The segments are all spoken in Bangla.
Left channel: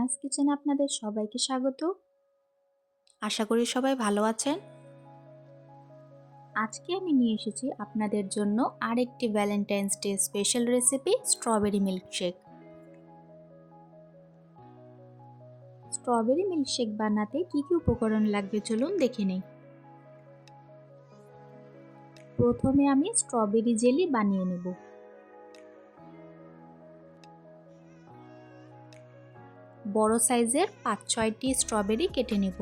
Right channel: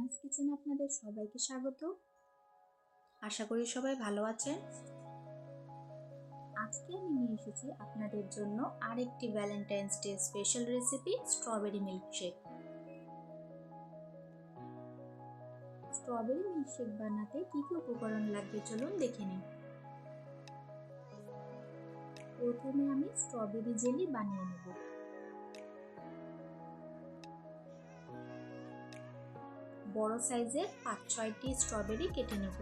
রানাস কিচেনে আপনাদের সবাইকে স্বাগত। আশা করি সবাই ভালো আছেন। আজকে আমি নিয়ে এসেছি আপনাদের জন্য আরেকটি Valentine's day special recipe, strawberry milkshake. Strawberry milkshake বানাতে কি কি উপকরণ লাগবে চলুন দেখে নিই। প্রথমে আমি স্ট্রবেরি জেলি বানিয়ে নেব। বড় সাইজের 5-6টি স্ট্রবেরি কেটে নেব।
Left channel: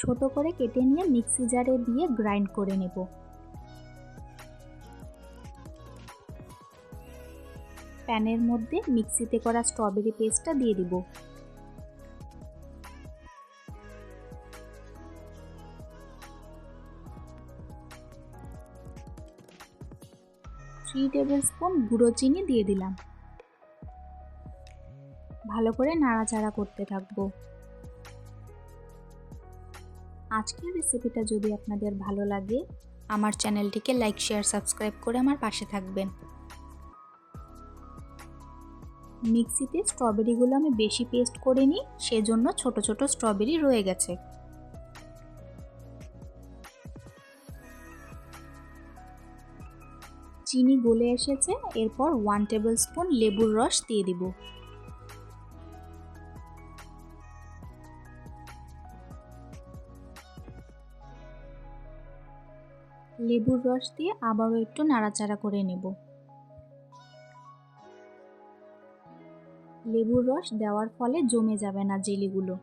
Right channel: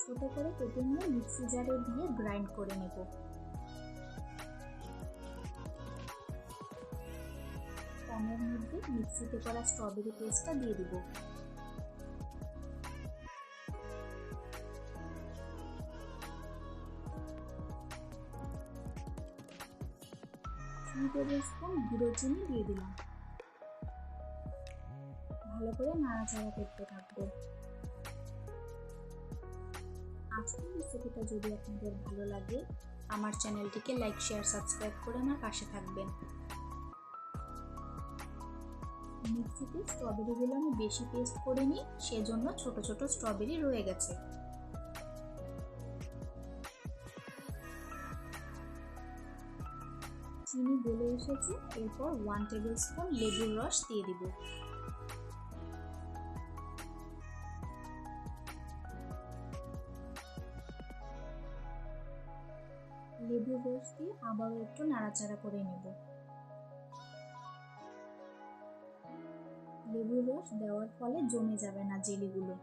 ছোট করে কেটে নিয়ে মিক্সি জারে দিয়ে গ্রাইন্ড করে নেব। প্যানের মধ্যে মিক্সিতে করা স্ট্রবেরি পেস্টটা দিয়ে দিব। থ্রি টেবিল স্পুন গুঁড়ো চিনি দিয়ে দিলাম। ভালো করে নাড়াচাড়া করতে থাকবো। আজকের রেসিপিটা যদি আপনাদের ভালো লাগে, আমার চ্যানেলটিকে লাইক, শেয়ার, সাবস্ক্রাইব করে আমার পাশে থাকবেন। মিক্সিতে স্ট্রবেরিগুলো আমি বেশি পেস্ট করিনি, সেজন্য ছোট ছোট স্ট্রবেরি রয়ে গেছে। চিনি গলে এসেছে, এরপর 1 টেবিল স্পুন লেবুর রস দিয়ে দিব। লেবুর রস দিয়ে আবারও একটু নাড়াচাড়া করে নেব। লেবুর রস দেওয়ার ফলে জমে যাবে না জেলিগুলো।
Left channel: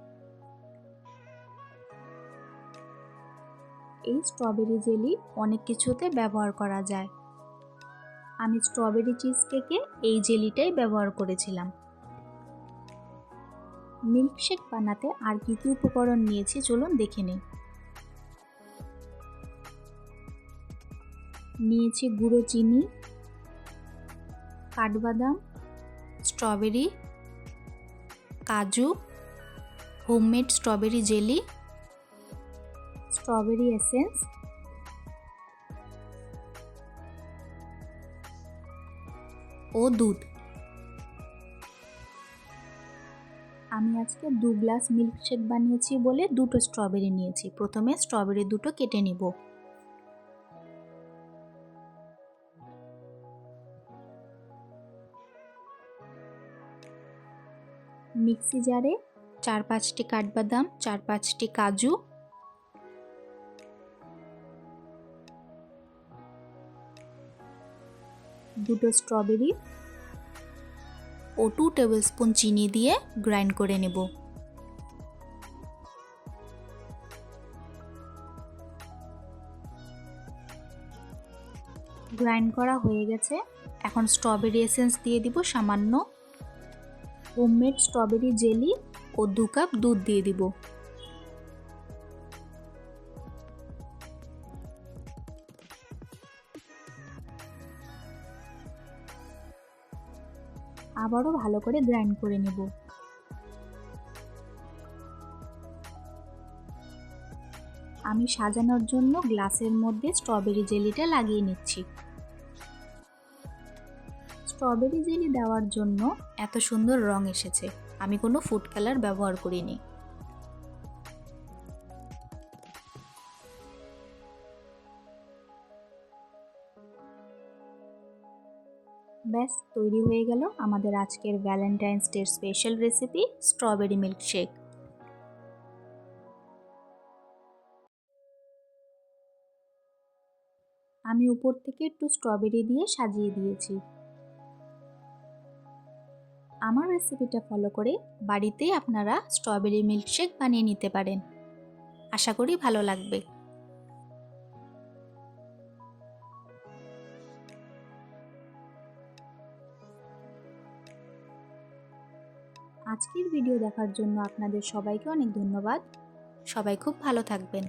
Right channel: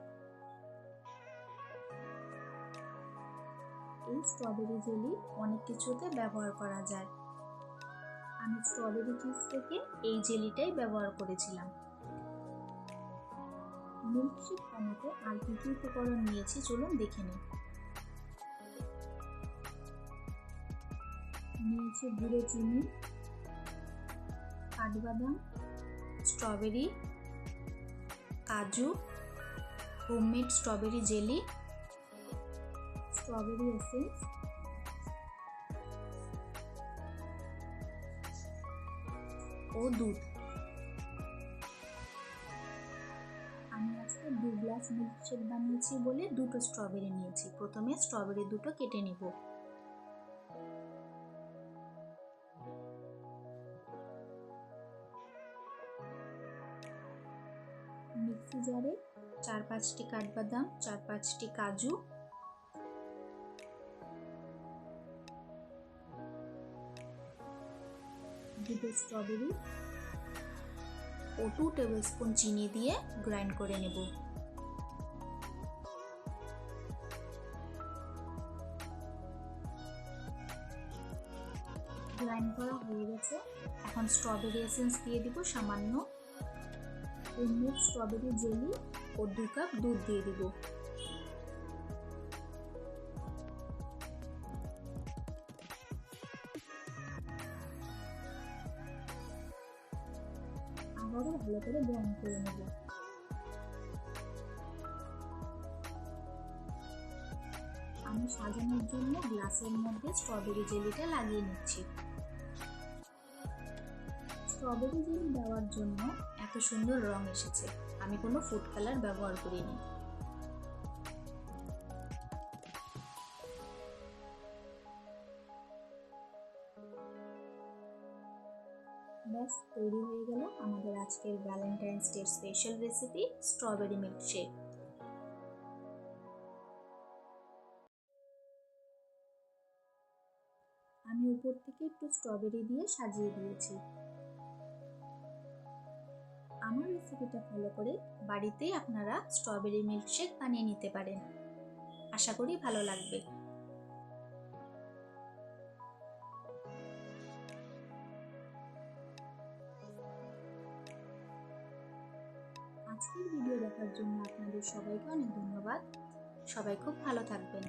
এই স্ট্রবেরি জেলি অনেক কিছুতে ব্যবহার করা যায়। আমি স্ট্রবেরি চিজ কেকে এই জেলিটাই ব্যবহার করেছিলাম। মিল্কশেক বানাতে আর কি কি উপকরণ নিয়েছি চলুন দেখে নিই। নিয়েছি গুঁড়ো চিনি, কাঠবাদাম, স্ট্রবেরি, কাজু, homemade strawberry jelly, strawberry essence, ও দুধ। আমি আজকে 2 গ্লাস মিল্কশেক বানিয়েছি বলে 2টো স্ট্রবেরি নিয়েছি। প্রথমে স্ট্রবেরি দুটো কেটে নিব। মিক্সি জারে 4-5টি কাঠবাদাম, 4-5টি কাজু, 2টো স্ট্রবেরি ও 2 টেবিল স্পুন চিনি দিয়ে গ্রাইন্ড করে নেব। গ্রাইন্ড করা হয়ে গেছে। এখন স্ট্রবেরি এসেন্স দিয়ে দিব সামান্য। হোমমেড স্ট্রবেরি জেলি ও 2 কাপ দুধ দিয়ে দিব। আবারও ভালো করে গ্রাইন্ড করে নেব। আমি সাজানোর জন্য গ্লাসের মধ্যে স্ট্রবেরি জেলিটা লাগিয়ে নিচ্ছি। স্ট্রবেরি জেলি দেওয়ার জন্য এত সুন্দর রং এসেছে। আমি কোনো ফুড কালার ব্যবহার করিনি। ব্যাস তৈরি হয়ে গেল আমাদের আজকের Valentine's day special recipe, strawberry milkshake. আমি উপর থেকে একটু স্ট্রবেরি দিয়ে সাজিয়ে দিয়েছি। আমার রেসিপিটা ফলো করে বাড়িতেই আপনারা স্ট্রবেরি মিল্কশেক বানিয়ে নিতে পারেন। আশা করি ভালো লাগবে। আজকের ভিডিও দেখার জন্য আপনাদের সবাইকে অনেক ধন্যবাদ। সবাই খুব ভালো থাকবেন।